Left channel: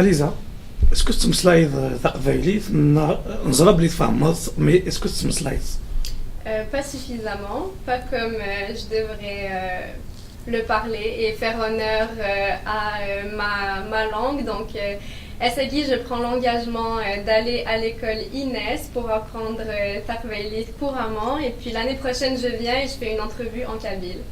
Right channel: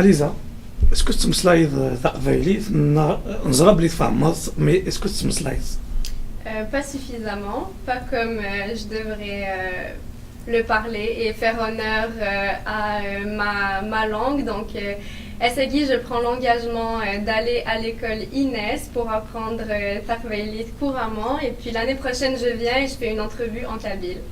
اليزا اسكو تمسلايض تقبايليت نزرب لي تفهمت مي اسكو تمسلايض Pas suffisamment, pas comme je devrais le parler et faire honneur à ma langue. Donc, Essagi, je prends l'engagement d'aller à l'école Inès pour apprendre Taqbaylit couramment. Et puis l'année prochaine, je viens et je fais une entrevue en kabyle.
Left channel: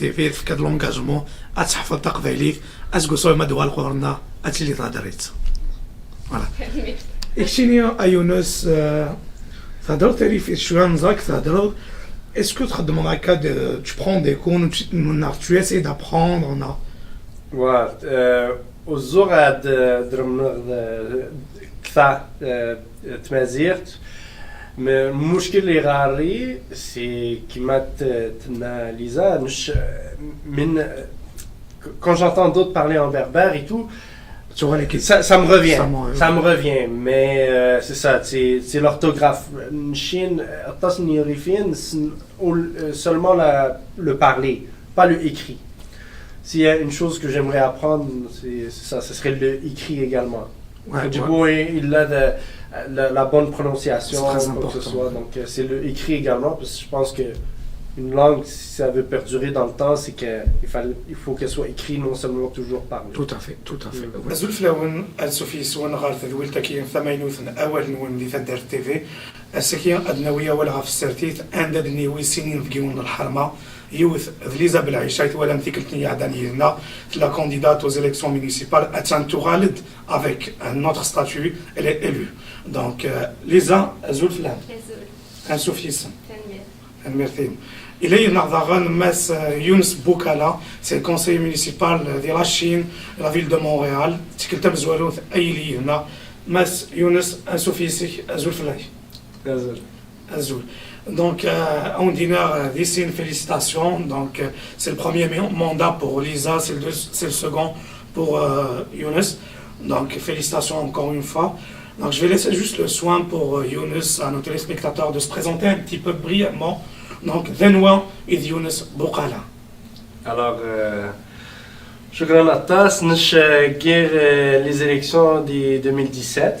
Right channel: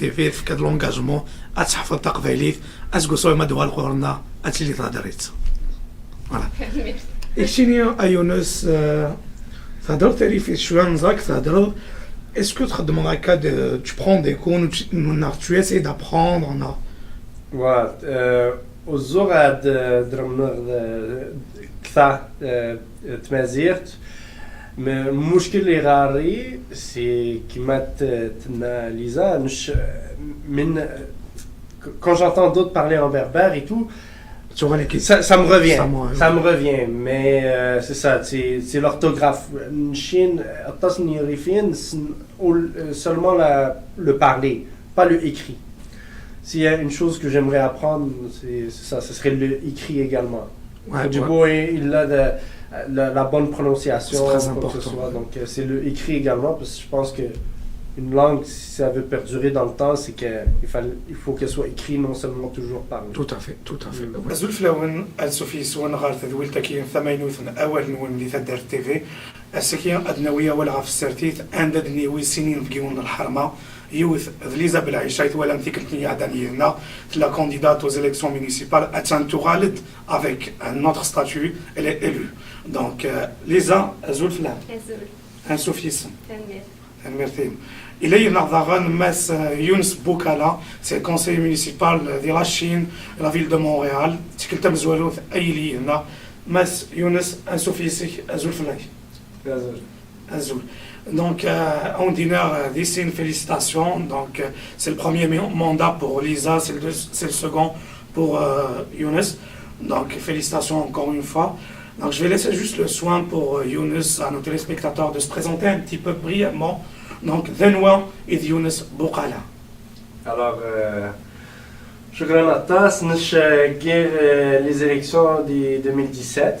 في كاد لونجاجمون اتحفظ تقبايليت اسكو ما دوال غورنا اتلي تهضريت اكشيني ايونس تهضرت لي في شويه نزاك تهضر اسكو تخدم هكا tu prends des cours tu essaies d'apprendre والزور عاد درم كثا تمازيرت المشكل اللي غاري سي كيما تنا ليزا مش من quand j'entends d'autres parler en berbère et tout ça me revient mais c'est ça c'est l'orthographe Chine seulement le parler pas le écrit. S'il y a une chose que j'aimerais apprendre c'est ça, ce serait le écrit également. Du coup il a la bonne prononciation, quoi que ce soit. Donc c'est le écrit également, parce que je pense qu'une langue, si ça veut perdurer dans le temps, c'est qu'il faut qu'elle soit écrite, non seulement toujours parlée. Tout à fait, tout à fait. أزول لون السوفي سوان غار تذويل تكين ثمانوثن أول نون اللي تدار تيفي السكين أدنوية ولا في السرتيت عند دنيوي سنين فيون الحرمة يوث ذليزا بالعيشايت ولا متيكلتني عدانينا la candidate aux élections municipales atteint tout Khalid avec notre statut elle est élue donc Lisa أزول فلان أنسوفيس المرتين إلي نظران ماس يونس بوكالا سي الكونسي مونيسيبال ديال لاشين لا فيل دو مونريال تكلتا مزوالوث أي لي هنا ماس يونس أنسوفيسي أزول فلاي أزول Donc, on dit ici une félicitation. Donc, c'est le premier mandat pour Lisa, c'est le second pour Younes. Donc, félicitations encore une fois. Donc, je vais laisser juste le soin pour Younes, à nos téléspectateurs, de se présenter un petit peu brièvement. Donc, Denwa et Younes Boukala. Alors, شكرا عطاس نش غير les élections de 2017.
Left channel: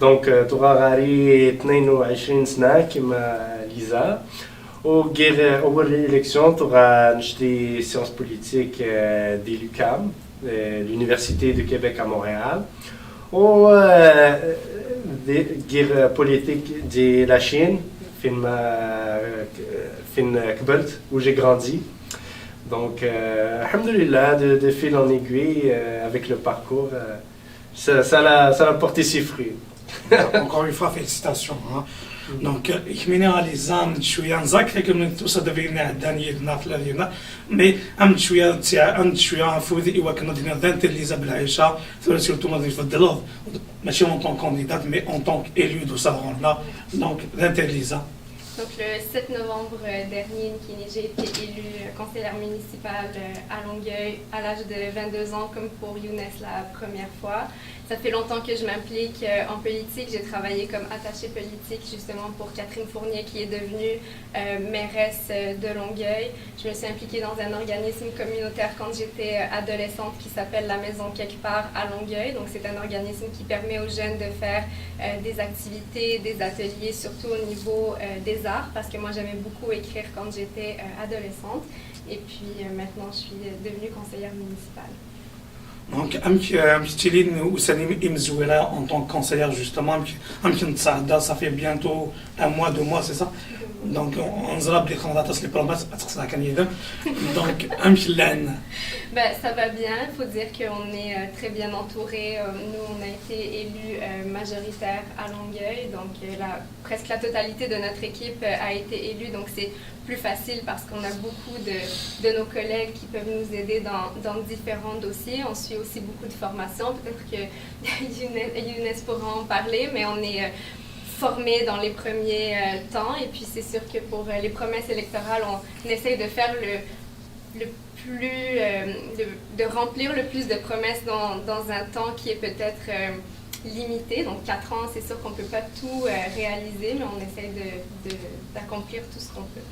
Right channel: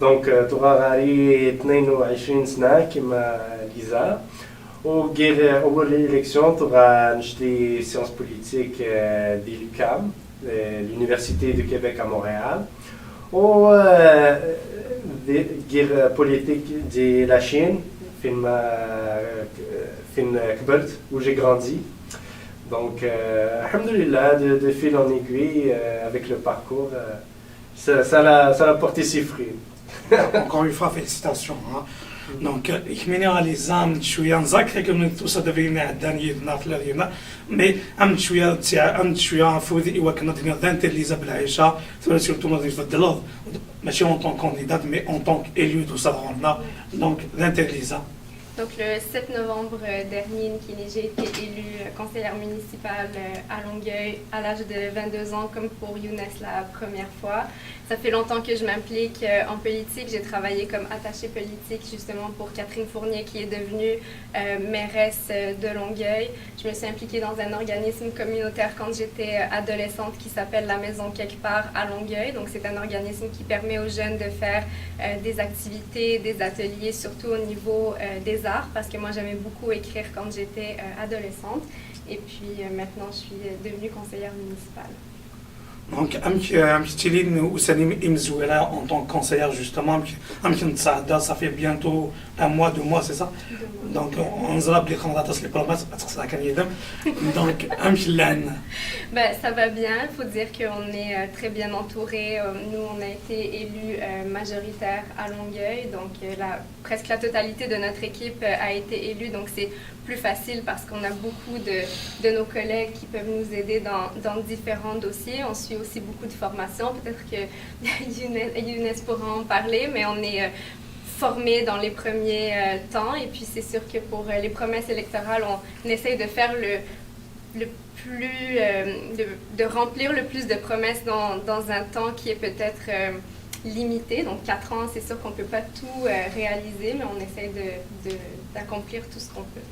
Donc, تورا غاري 22 سنة كما ليزا وغير أول إليكسيون تورا نشتي سيونس بوليتيك دي لوكام l'université de Québec à Montréal و غير بوليتيك دي la Chine فين كبرت où j'ai grandi. Donc, alhamdoulilah, de fil en aiguille, avec le parcours, ça a porté ses fruits. Encore une fois, félicitations. Hein. دونك يكميني على لي زام شويه نذكر كم توصل دفينا داني نافلا ديالنا مي ام شويه فوذي ايوا كنا دينا دانتر ليزا بالعيشه سورتو ما تفضلوا ماشي اون طون كانديدات مي اون طون اليو دو سادرنا دونك دانتر ليزا. Donc le 7 novembre dernier, j'ai été élue conseillère municipale à Longueuil à l'âge de 22 ans, comme pour Younes la première fois. Ça fait longtemps que je m'implique en politique. J'ai travaillé comme attachée politique justement pour Catherine Fournier qui est devenue mairesse de Longueuil. Je me suis impliquée dans un organisme communautaire quand j'étais adolescente qui s'appelle La Maison Quelque Part à Longueuil. Donc c'est un organisme qui permet aux jeunes de faire des activités, des ateliers, surtout au niveau des arts, parce que moi j'aimais beaucoup écrire quand j'étais adolescente. Et puis maintenant je suis devenue conseillère municipale. Donc, Amstéline Oussanim Imzouela en tant que conseillère, justement, ça fait bientôt un mois, 2 mois, c'est ça? Donc, on se rappelle les les promesses, parce que c'est la candidature. Donc, Amstélane. Ben, ça va bien, il faut dire qu'on est très bien entouré. Nous, on a été élus majoritaires à Longueuil, donc presque la totalité de notre équipe a été élue, donc c'est plus facile parce qu'on a beaucoup de nos collègues qui peuvent nous aider dans différents dossiers. On suit aussi beaucoup de formations, peut-être que Younes pourra en parler, mais on est formés dans les premiers temps, et puis c'est sûr que pour les promesses électorales, on essaye de faire le plus, de remplir le plus de promesses dans un temps qui est peut-être limité. Donc 4 ans, c'est sûr qu'on ne peut pas tout réaliser, mais on essaie d'accomplir tout ce qu'on peut.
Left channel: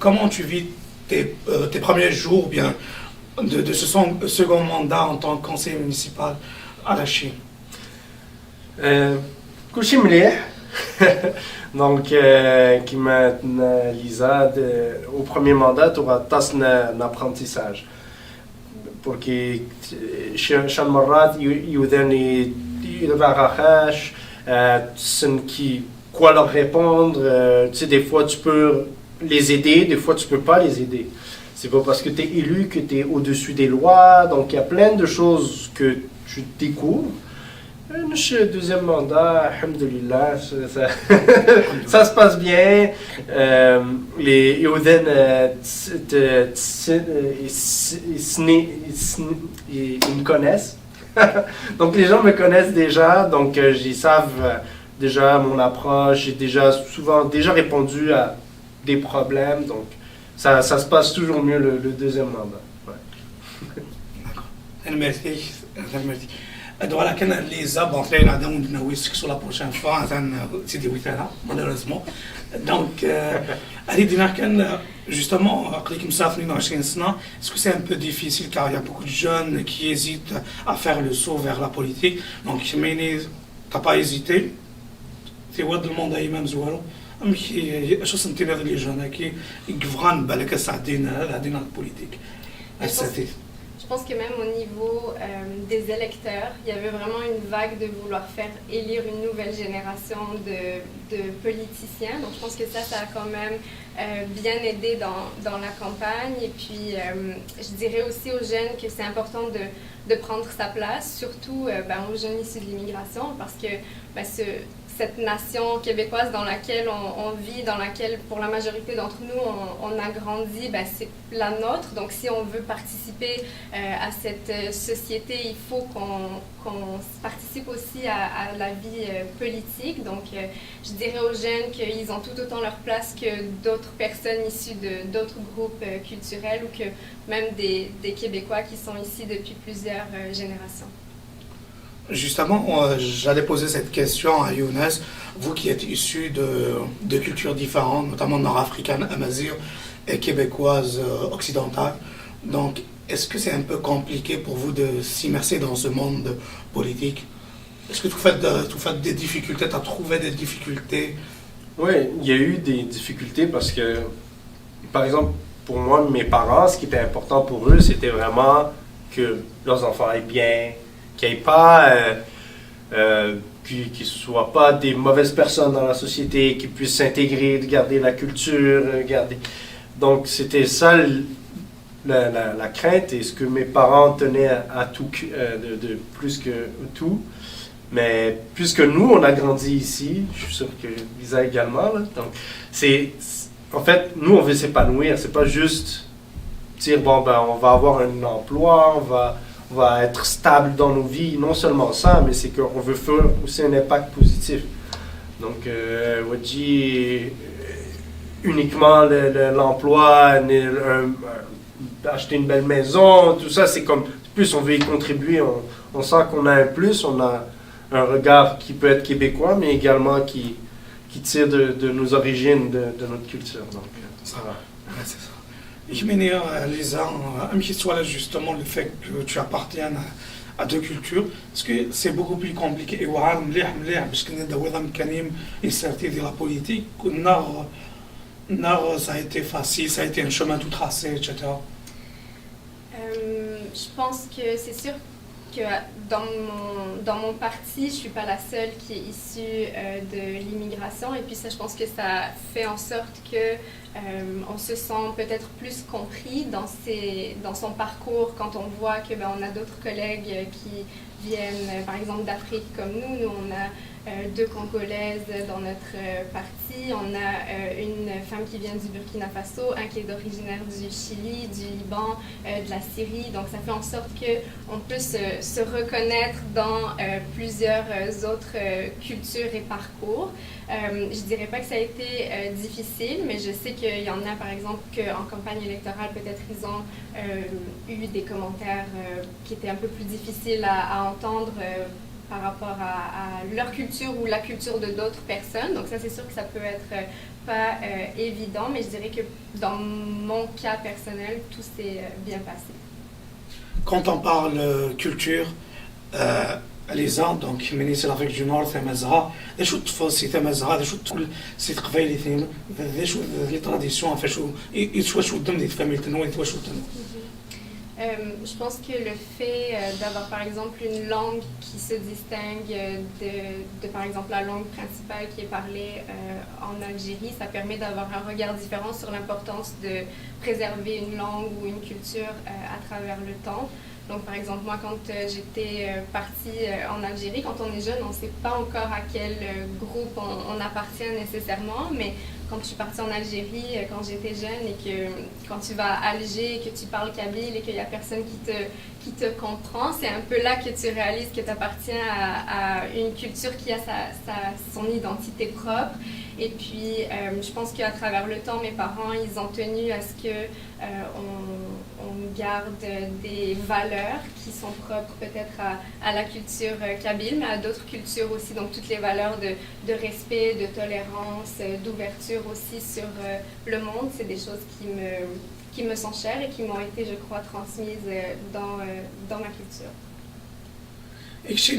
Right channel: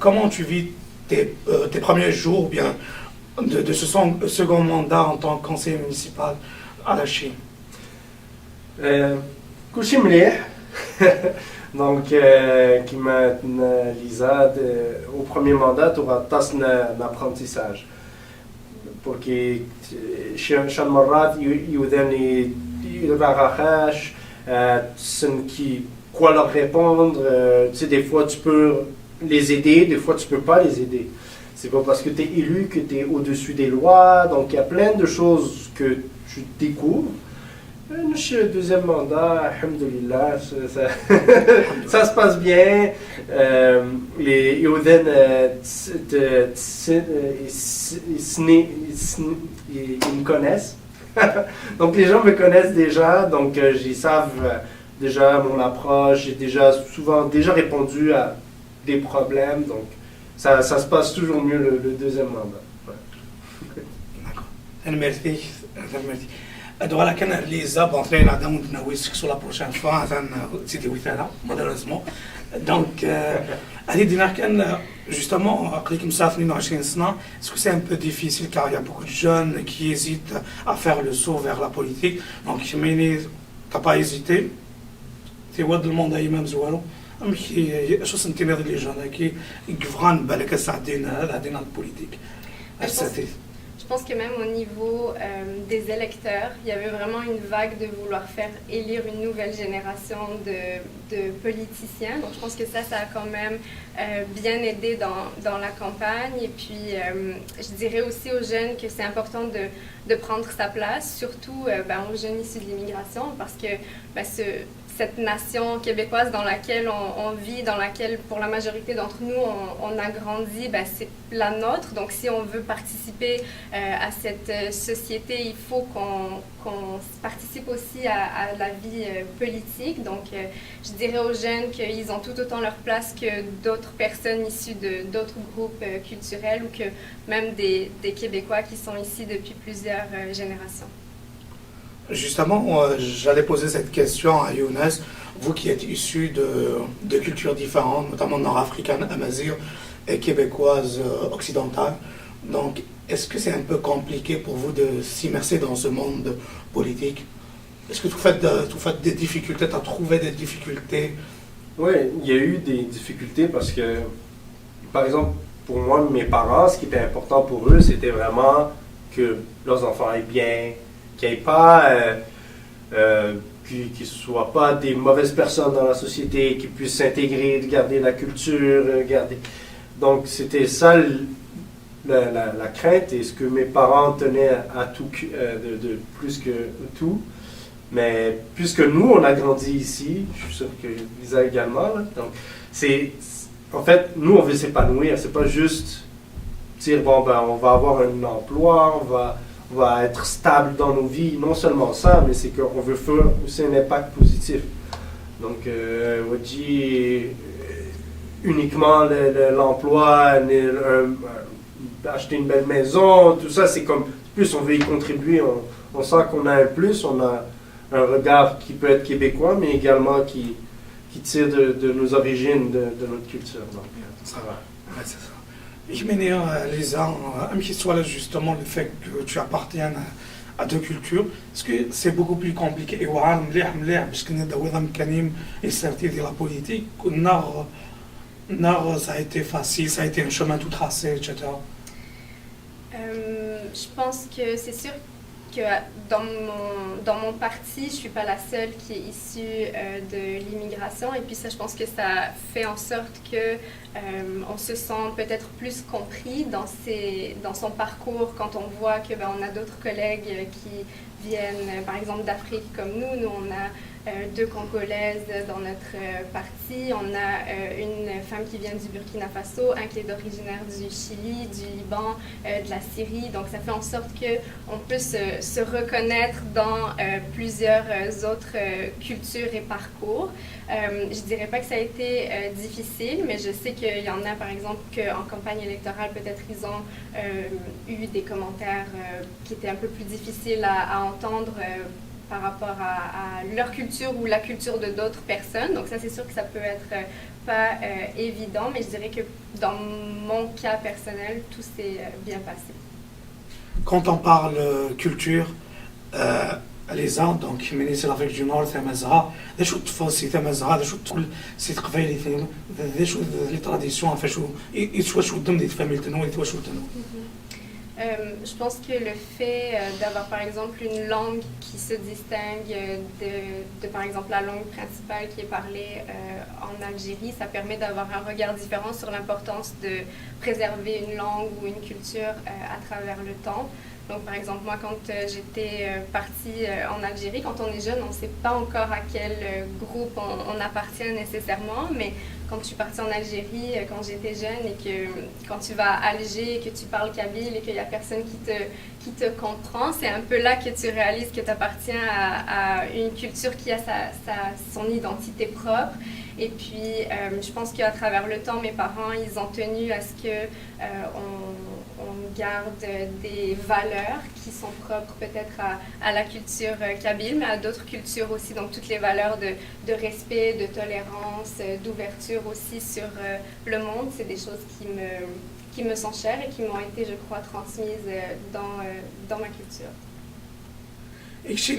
Comment tu vis tes premiers jours bien, de ce second mandat en tant que conseiller municipal à la Chine? كلشي مليح. Donc, qui m'a Lisa au premier mandat, tu auras un apprentissage. Pour que chaque مرات يودني يراخاش qui quoi leur répondre. Tu sais, des fois tu peux les aider, des fois tu peux pas les aider. C'est pas parce que tu es élu que tu es au-dessus des lois. Donc il y a plein de choses que tu découvres. Le deuxième mandat, alhamdoulilah, ça se passe bien. Les Yoden, ils me connaissent. Donc les gens me connaissent déjà, donc ils savent déjà mon approche. J'ai déjà répondu à des problèmes, donc ça se passe toujours mieux le deuxième mandat. Ouais. D'accord. Merci. Voilà, quand les abonnés là dans une sur la prochaine fois, c'est des week-ends malheureusement. Donc, allez dire justement, est-ce que c'est un peu difficile car il y a beaucoup de jeunes qui hésitent à faire le saut vers la politique. Donc, t'as pas hésité. Tu vois le monde à Imam Zoualo. شو سنتين هذه اللي جانا كي يقفغان بالك هذه politique. Je pense que même au niveau des électeurs, il y avait vraiment une vague de vouloir faire élire une nouvelle génération de politiciens. Donc je pense que ça a quand même bien aidé dans la campagne. Et puis je dirais aussi aux jeunes que c'est important de prendre sa place, surtout aux jeunes issus de l'immigration, parce que cette nation québécoise dans laquelle on vit, dans laquelle pour la majorité d'entre nous on a grandi, c'est la nôtre. Donc si on veut participer à cette société, il faut qu'on participe aussi à la vie politique. Donc je dirais aux jeunes qu'ils ont tout autant leur place que d'autres personnes issues d'autres groupes culturels, ou que même des Québécois qui sont ici depuis plusieurs générations. Justement, j'allais poser cette question à Younes, vous qui êtes issu de cultures différentes, notamment nord-africaine, amazigh et québécoise occidentale. Donc, est-ce que c'est un peu compliqué pour vous de s'immerser dans ce monde politique? Est-ce que vous faites des difficultés, tu as trouvé des difficultés? Oui, il y a eu des difficultés parce que, par exemple, pour moi, mes parents, ce qui était important pour eux, c'était vraiment que leurs enfants aillent bien, qu'il n'y ait pas, qu'ils ne soient pas des mauvaises personnes dans la société, qu'ils puissent s'intégrer, de garder la culture, Donc c'était ça la crainte, et ce que mes parents tenaient à tout, de plus que tout. Mais puisque nous, on a grandi ici, je suis sûr que Lisa également, là, donc en fait, nous, on veut s'épanouir. C'est pas juste dire, bon, ben, on va avoir un emploi, on va être stable dans nos vies. Non seulement ça, mais c'est qu'on veut faire aussi un impact positif. Donc, Wadji, uniquement l'emploi, acheter une belle maison, tout ça, c'est comme, plus on veut y contribuer, on sent qu'on a un plus, on a un regard qui peut être québécois, mais également qui tire de nos origines, de notre culture. Donc, ça va. Ouais, c'est ça. Ich meine, Lisa, un petit soit là justement le fait que tu appartiennes à deux cultures, parce que c'est beaucoup plus compliqué. Et voilà, parce que nous avons une certaine de la politique, ça a été facile, ça a été un chemin tout tracé, etc. Je pense que c'est sûr que dans mon parti, je ne suis pas la seule qui est issue de l'immigration. Et puis ça, je pense que ça fait en sorte que on se sent peut-être plus compris dans son parcours quand on voit que on a d'autres collègues qui viennent, par exemple, d'Afrique comme nous. Nous, on a deux Congolaises dans notre parti. On a une femme qui vient du Burkina Faso, un qui est originaire du Chili, du Liban, de la Syrie. Donc, ça fait en sorte qu'on peut se reconnaître dans plusieurs autres cultures et parcours. Je dirais pas que ça a été difficile, mais je sais qu'il y en a, par exemple, qu'en campagne électorale, peut-être ils ont eu des commentaires qui étaient un peu plus difficiles à entendre par rapport à leur culture ou la culture de d'autres personnes. Donc ça, c'est sûr que ça peut être pas évident, mais je dirais que dans mon cas personnel, tout s'est bien passé. Quand on parle culture, les Andes, donc من l'Afrique du Nord ثم زها ذا شو التفاصيل ثم زها ذا شو تقول سي تقبايلي ثم ذا شو لي تراديسيون فاش يتواش ودم دي فاميل تنو يتواش ودم. Je pense que le fait d'avoir par exemple une langue qui se distingue de par exemple la langue principale qui est parlée en Algérie, ça permet d'avoir un regard différent sur l'importance de préserver une langue ou une culture à travers le temps. Donc, par exemple, moi, quand j'étais partie en Algérie, quand on est jeune, on ne sait pas encore à quel groupe on appartient nécessairement, mais quand je suis partie en Algérie, quand j'étais jeune, et que quand tu vas à Alger, que tu parles kabyle et qu'il n'y a personne qui te comprend, c'est un peu là que tu réalises que tu appartiens à une culture qui a son identité propre. Et puis, je pense qu'à travers le temps, mes parents, ils ont tenu à ce que on garde des valeurs qui sont propres peut-être à la culture kabyle, mais à d'autres cultures aussi. Donc, toutes les valeurs de respect, de tolérance, d'ouverture aussi sur le monde, c'est des choses qui me sont chères et qui m'ont été, je crois, transmises dans ma culture. Ik zie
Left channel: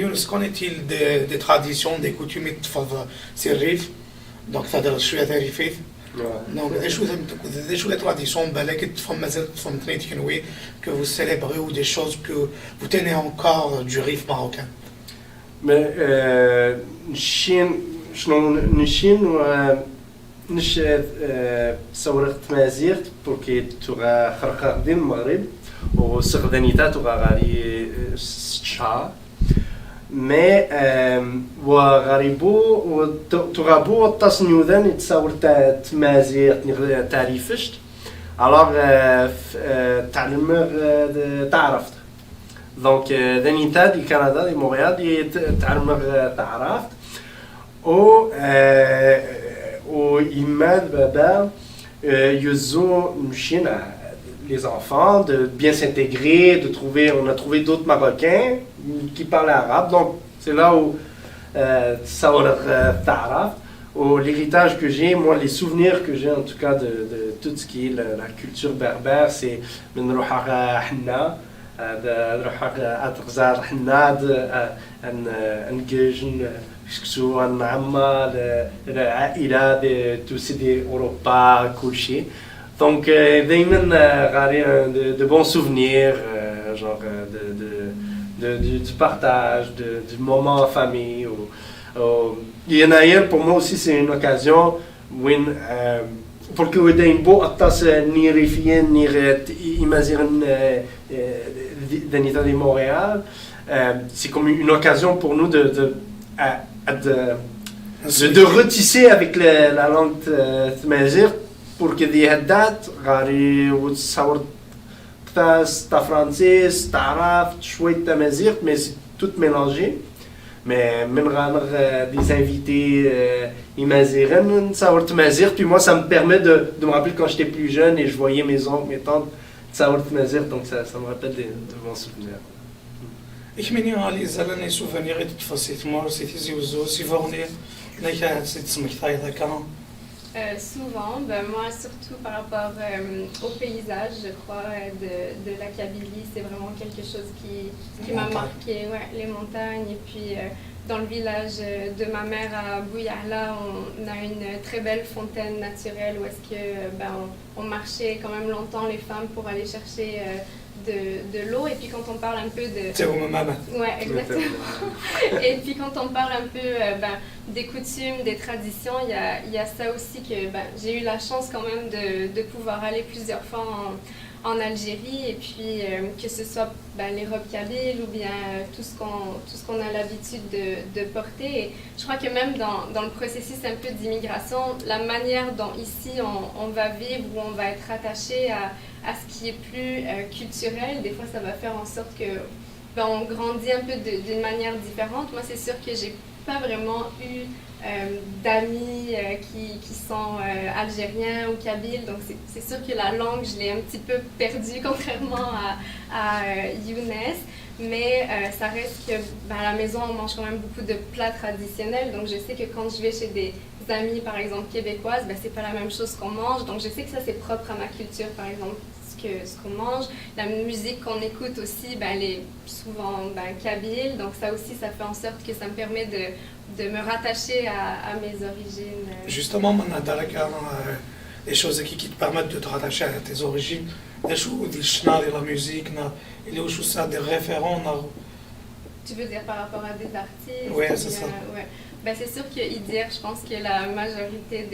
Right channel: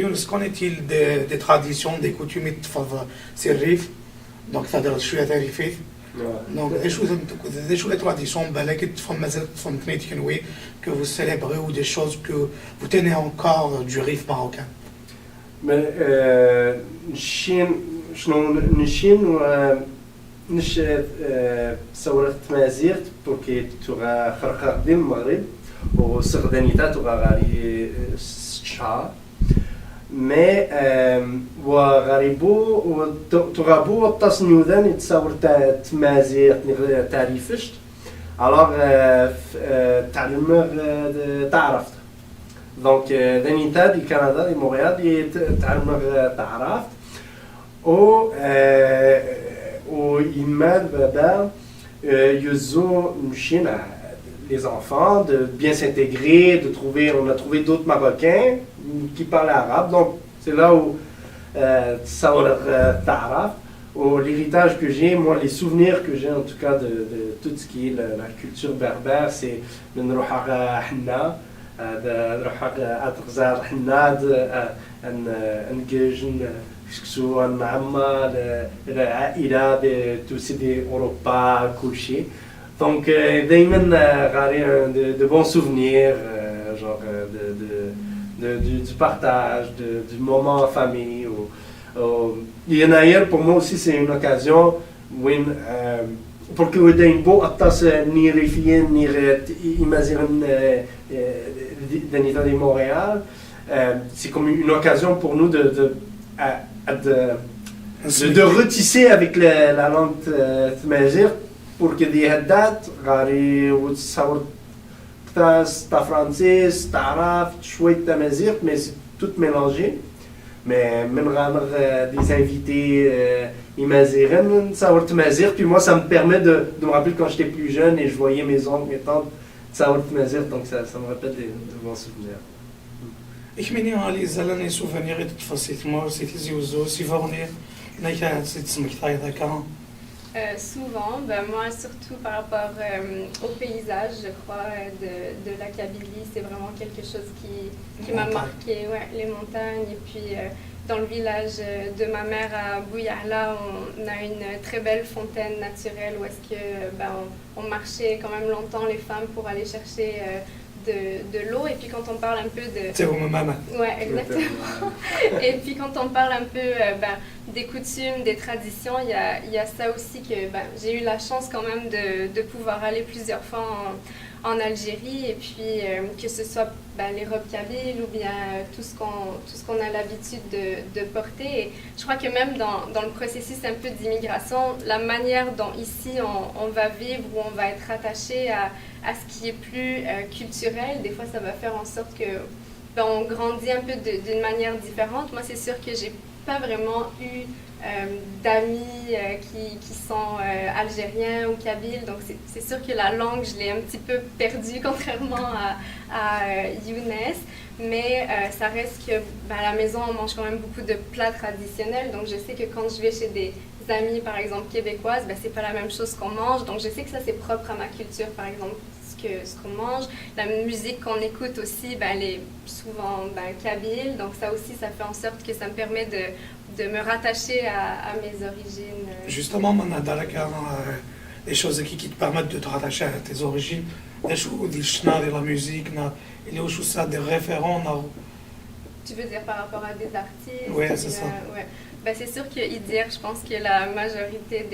Younes, connaît-il des traditions, des coutumes في الريف؟ دونك تهضر شويه تاع الريفيت. Donc, des choses, des traditions, que vous célébrez ou des choses que vous tenez encore du RIF marocain. Mais نش ثورة تمازيغ بوركي تغا خرقا قديم المغرب وسغدانيتا تغا غاري شهر مي وغاريبو تغابو التصنيوذان يتصور تمازيغ تعريفشت alors تعلم تعرفت donc دانيتا دي كندا دي مونريال دي تعلم تعرفت وإيمان بابا يزو مشينا les enfants de bien s'intégrer, de trouver, on a trouvé d'autres Marocains qui parlent arabe, donc c'est là où ça l'héritage que j'ai, moi les souvenirs que j'ai en tout cas de tout ce qui est la culture berbère, c'est من روح حنا روح أتغزار حنا نجيجن سواء عما العائلة توسيدي أوروبا كل شيء. Donc, de bons souvenirs, genre du partage, du moment en famille. Il y en a hier, pour moi aussi, c'est une occasion où, pour que vous ayez un beau attas ni rifien, ni imaginer d'Anita de Montréal, c'est comme une occasion pour nous de retisser avec la langue تمازيغ pour que دي هدات غاري وتصور تا فرانسيس تعرف شوية تمازيغ mais c'est tout mélangé mais من غامر des invités imazighen تصور تمازيغ puis moi ça me permet de me rappeler quand j'étais plus jeune et je voyais mes oncles mes tantes تصور تمازيغ donc ça me rappelle de bons souvenirs. Ich meine, alle zalani souvenirs de tfasit mor, c'était ziouzo, si vornir, naïka, c'est tsmektaï d'accord. Souvent, ben moi surtout par rapport au paysage, je crois, de la Kabylie, c'est vraiment quelque chose qui m'a marqué, ouais, les montagnes. Et puis dans le village de ma mère à Bouyahla, on a une très belle fontaine naturelle où est-ce que on marchait quand même longtemps les femmes pour aller chercher de l'eau. Et puis quand on parle un peu de... C'est au maman. Ouais, exactement. Et puis quand on parle un peu des coutumes, des traditions, il y a ça aussi que j'ai eu la chance quand même de pouvoir aller plusieurs fois en Algérie et puis que ce soit les robes kabyles ou bien tout ce qu'on a l'habitude de porter. Et je crois que même dans le processus un peu d'immigration, la manière dont ici on va vivre, où on va être attaché à ce qui est plus culturel, des fois ça va faire en sorte que on grandit un peu d'une manière différente. Moi c'est sûr que j'ai pas vraiment eu d'amis qui sont algériens ou kabyles, donc c'est sûr que la langue je l'ai un petit peu perdue contrairement à Younes, mais ça reste que à la maison on mange quand même beaucoup de plats traditionnels, donc je sais que quand je vais chez des amis par exemple québécoises, c'est pas la même chose qu'on mange, donc je sais que ça c'est propre à ma culture par exemple. Ce qu'on mange, la musique qu'on écoute aussi, elle est souvent kabyle, donc ça aussi ça fait en sorte que ça me permet de me rattacher à mes origines. Justement, les choses qui te permettent de te rattacher à tes origines, la musique, des référents. Tu veux dire par rapport à des artistes? Oui, c'est ça. Ouais. C'est sûr que Idir, je pense que la majorité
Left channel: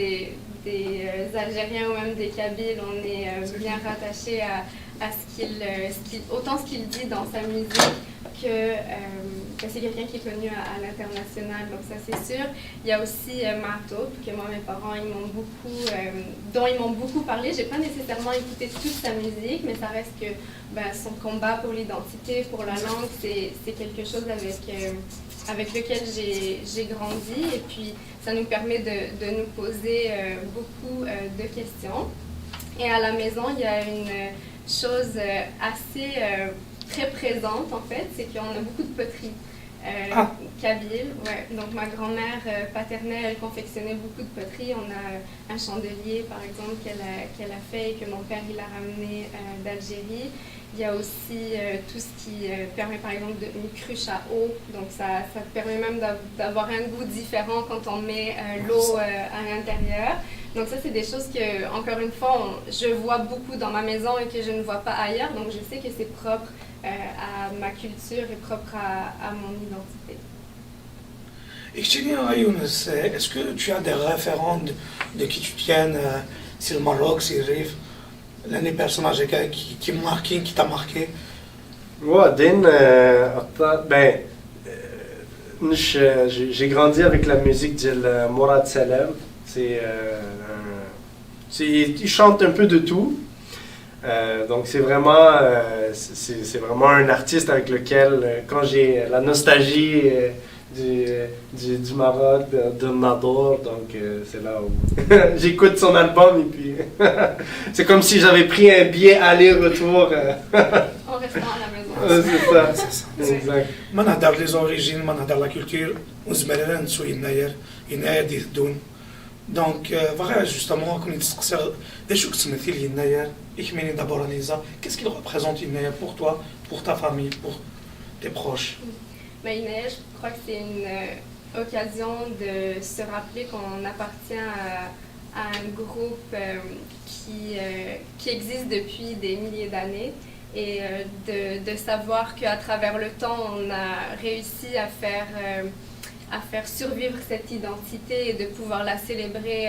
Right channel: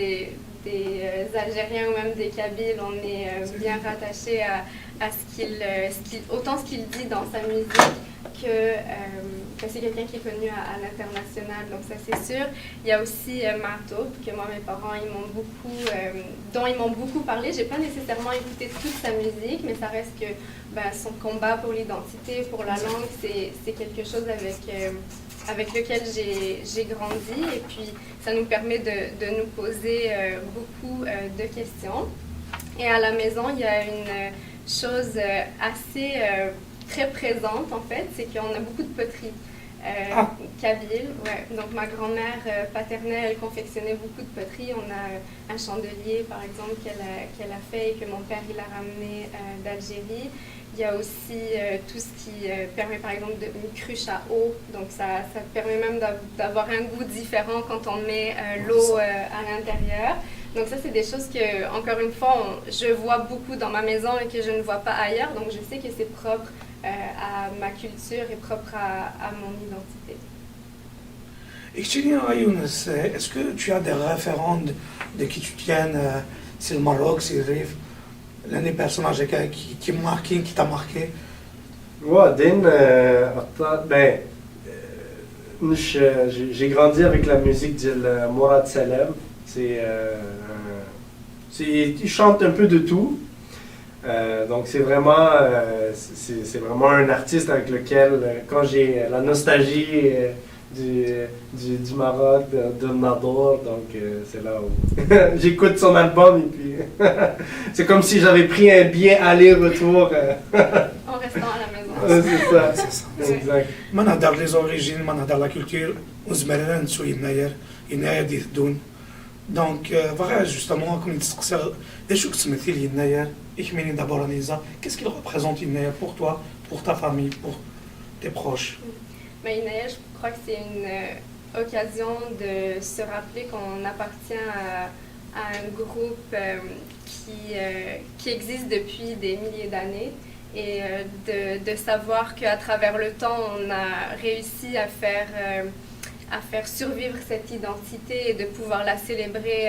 des Algériens ou même des Kabyles, on est bien rattachés à autant ce qu'il dit dans sa musique que c'est quelqu'un qui est connu à l'international, donc ça c'est sûr. Il y a aussi Marto, que moi mes parents dont ils m'ont beaucoup parlé. J'ai pas nécessairement écouté toute sa musique, mais ça reste que son combat pour l'identité, pour la langue, c'est quelque chose avec lequel j'ai grandi, et puis ça nous permet de nous poser beaucoup de questions. Et à la maison, il y a une chose assez très présente en fait, c'est qu'on a beaucoup de poteries kabyle. Ouais. Donc ma grand-mère paternelle, elle confectionnait beaucoup de poteries. On a un chandelier par exemple qu'elle a fait et que mon père il a ramené d'Algérie. Il y a aussi tout ce qui permet par exemple une cruche à eau, donc ça permet même d'avoir un goût différent quand on met l'eau à l'intérieur. Donc ça c'est des choses que, encore une fois, je vois beaucoup dans ma maison et que je ne vois pas ailleurs, donc je sais que c'est propre à ma culture et propre à mon identité. Est-ce que tu as des référents de qui tu tiennes, si le Maroc, si le Rif, l'un des personnages qui t'a marqué? J'ai grandi avec la musique de Mourad Salem. Il chante un peu de tout. Donc c'est vraiment un artiste avec lequel, quand j'ai la nostalgie du Maroc, de Nador, donc c'est là où j'écoute son album et puis c'est comme si j'avais pris un billet aller-retour. En restant à la maison. C'est ça. Exact. ما نهضر les origines, ما نهضر la culture, وزمرنا نسوي يناير دي الدون. Donc, voilà, justement, comme qu'est-ce qu'il représente Inaya pour toi, pour ta famille, pour tes proches? Inaya, je crois que c'est une occasion de se rappeler qu'on appartient à un groupe qui existe depuis des milliers d'années, et de savoir qu'à travers le temps, on a réussi à faire survivre cette identité et de pouvoir la célébrer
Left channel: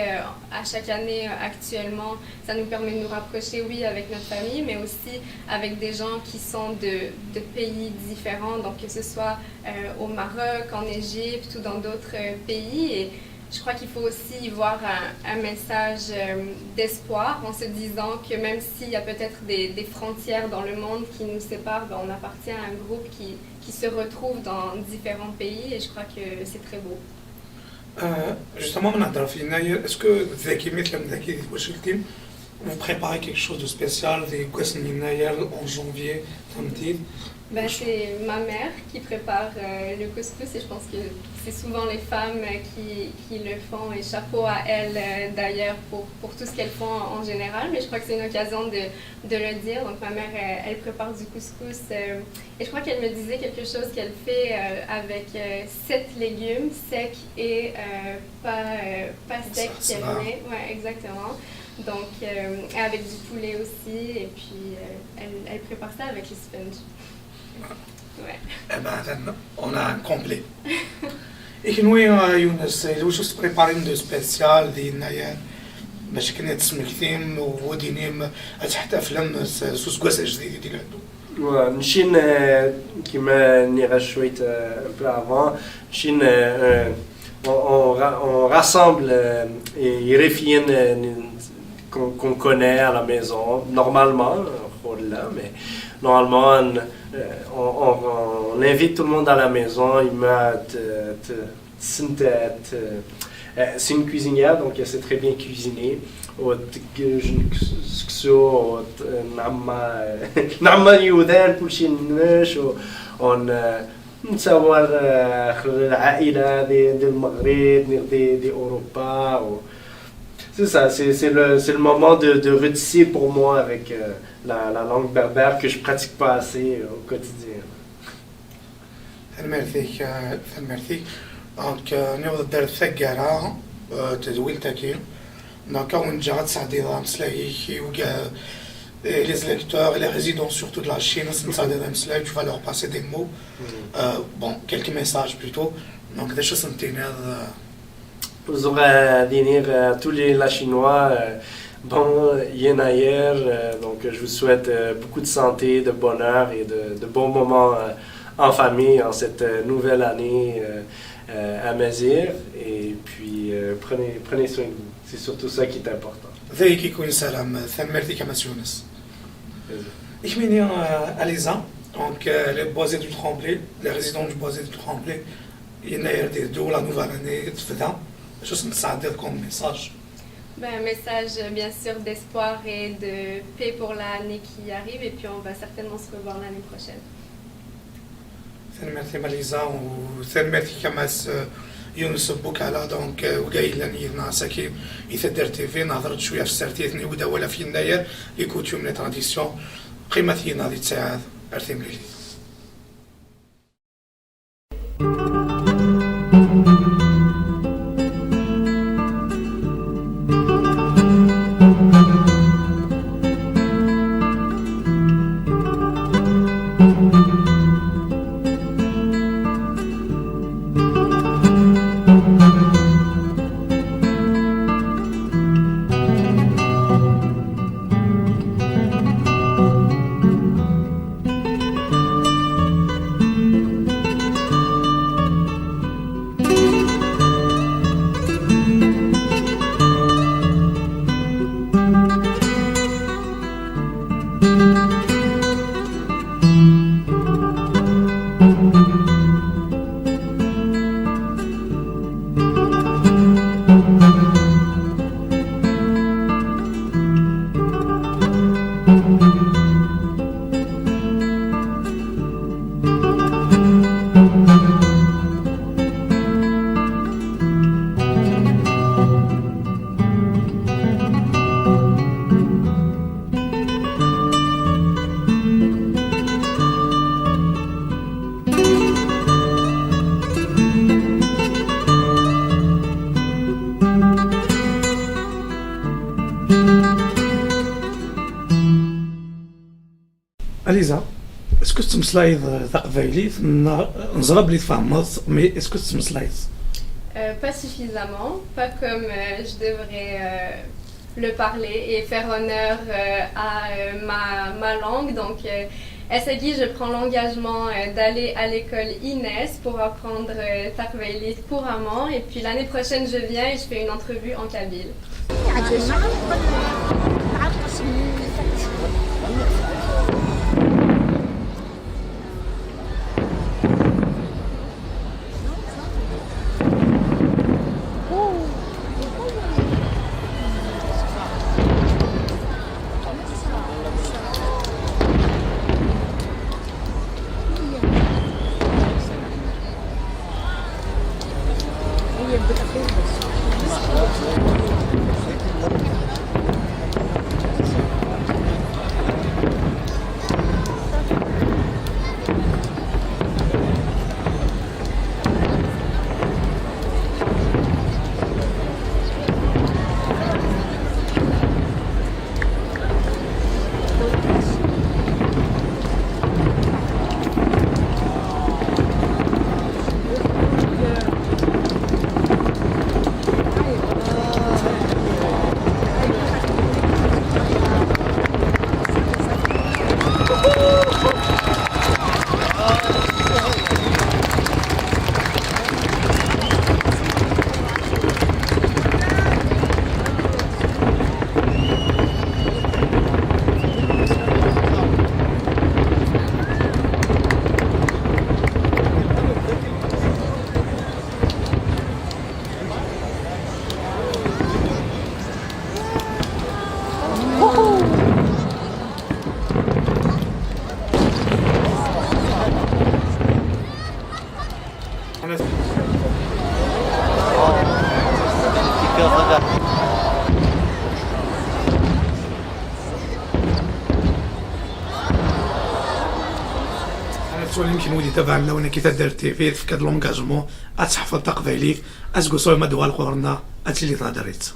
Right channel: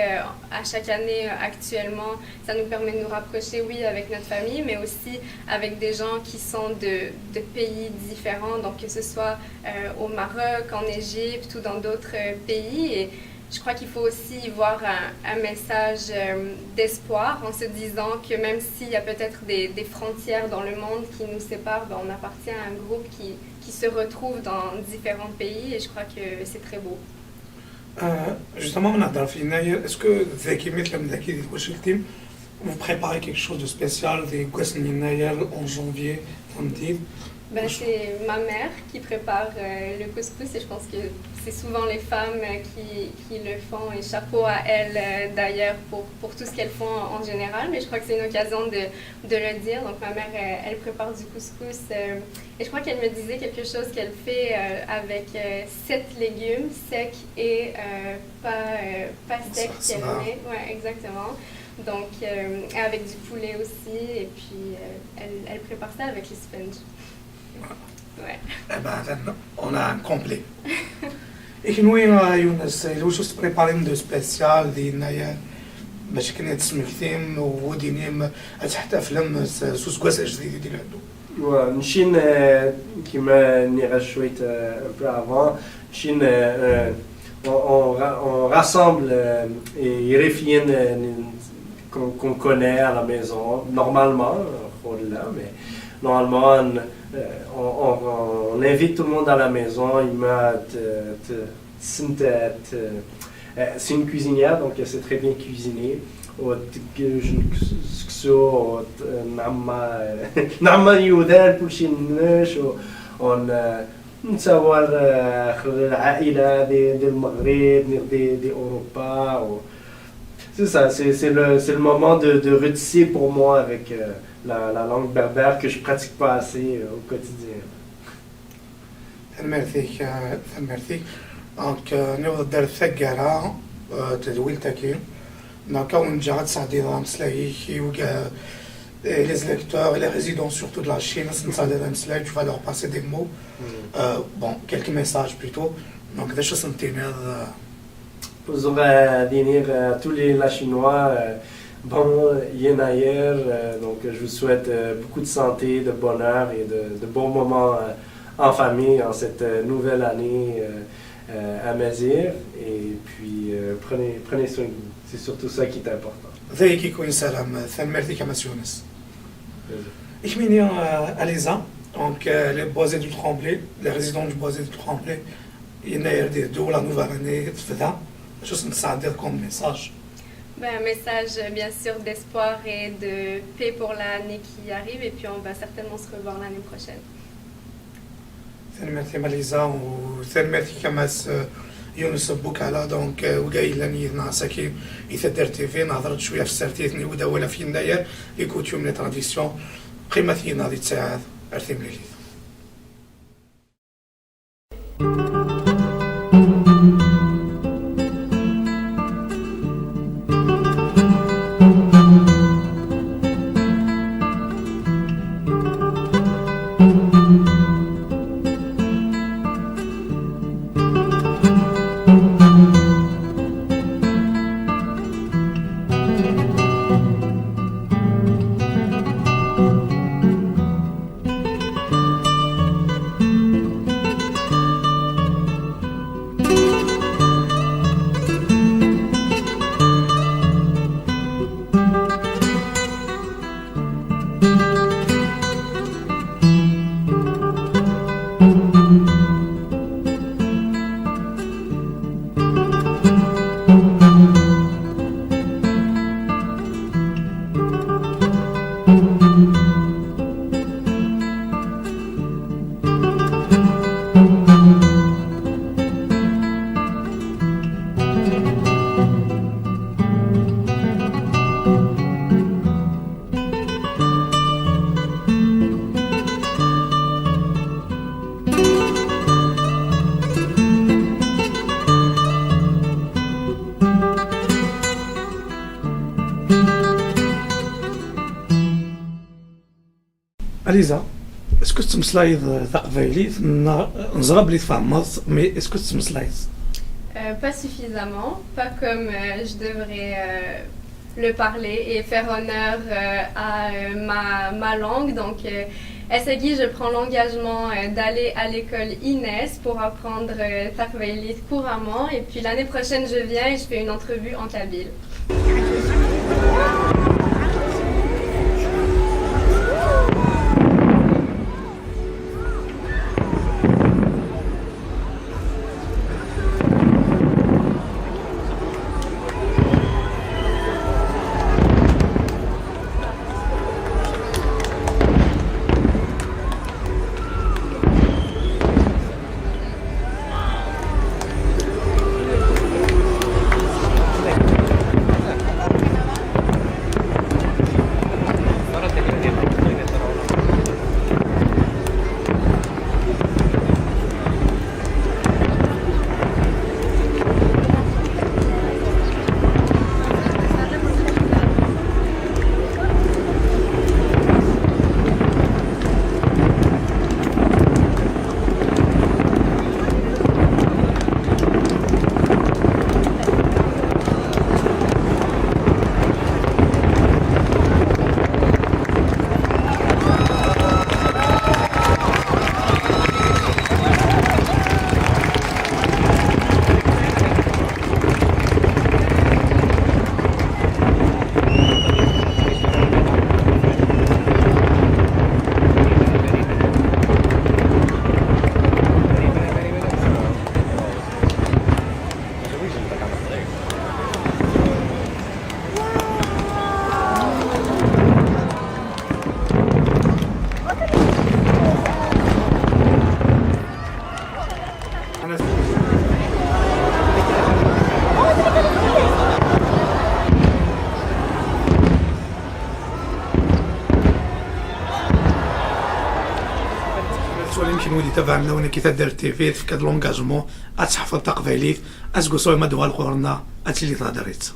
à chaque année actuellement. Ça nous permet de nous rapprocher, oui, avec notre famille, mais aussi avec des gens qui sont de pays différents, donc que ce soit au Maroc, en Égypte ou dans d'autres pays. Et je crois qu'il faut aussi y voir un message d'espoir en se disant que même s'il y a peut-être des frontières dans le monde qui nous séparent, ben on appartient à un groupe qui se retrouve dans différents pays et je crois que c'est très beau. Justement, on a dans le final, est-ce que vous préparez quelque chose de spécial des en janvier, samedi? Ben, c'est ma mère qui prépare le couscous et je pense que c'est souvent les femmes qui le font et chapeau à elles d'ailleurs pour tout ce qu'elles font en général, mais je crois que c'est une occasion de le dire. Donc ma mère, elle prépare du couscous et je crois qu'elle me disait quelque chose qu'elle fait avec 7 légumes secs et pas secs qu'elle met. Ouais, exactement. Donc avec du poulet aussi et puis elle prépare ça avec les sponges. Ouais. Eh ben, on a un complet. Et nous, Younes, واش préparé de spécial ديالنا باش كنا تسمكتين ودينيم تحت افلام سوسكواس جديد ديال عندو. Chine, qui m'a rajouté un peu avant, Chine, on rassemble et refine qu'on connaît à la maison, normalement, mais normalement, on invite tout le monde à la maison. C'est une cuisinière, donc elle sait très bien cuisiner. نعمل يودان كل شيء نش ونتصور العائلة دي المغرب دي أوروبا. C'est ça, c'est le moment de retisser pour moi avec la langue berbère que je pratique pas assez au quotidien. Merci. Donc, nous در ثقرة تدويل تاكي نكون جات سعدي ضام سلاهي وكا les électeurs et les résidents surtout de la Chine, tu vas leur passer des mots, quelques messages plutôt. Donc, des choses Vous aurez dire à tous les Chinois, bon yen ailleurs, donc je vous souhaite beaucoup de santé, de bonheur et de bons moments en famille en cette nouvelle année à Mazir. Et puis prenez soin de vous, c'est surtout ça qui est important. ذلك يكون سلام ثمرتي كما سيونس. Ich bin hier à Lisa, donc les boisés du Tremblay, les résidents du boisé du Tremblay, يناير ديالو la nouvelle année تفدا. Je نساعدك comme message. Un message bien sûr d'espoir et de paix pour l'année qui arrive et puis on va certainement se revoir l'année prochaine. Merci Malisa وثمرتي كما يونس بوكالا دونك وجاي لاني ناسكي يثدر تي في نهضرت شويه في السرتيثني ودا ولا في يناير لي كوتيوم لي تراديسيون قيمتي ناضي تساعد ارثي مليلي. سلايد تقبيليت من نزرب لي تفهمت مي اسكو تسمى سلايد Pas suffisamment, pas comme je devrais le parler et faire honneur à ma langue. Donc, Essegui, je prends l'engagement d'aller à l'école Inès pour apprendre Taqbaylit couramment. Et puis l'année prochaine, je viens et je fais une entrevue en kabyle. سؤال يمكن ولي تبعنا ولا كي تدير تيفي في كاد لونجاجمون اتحفظ تقبيليت اسكو سوى ما دوال قرنا اتلي تهضريت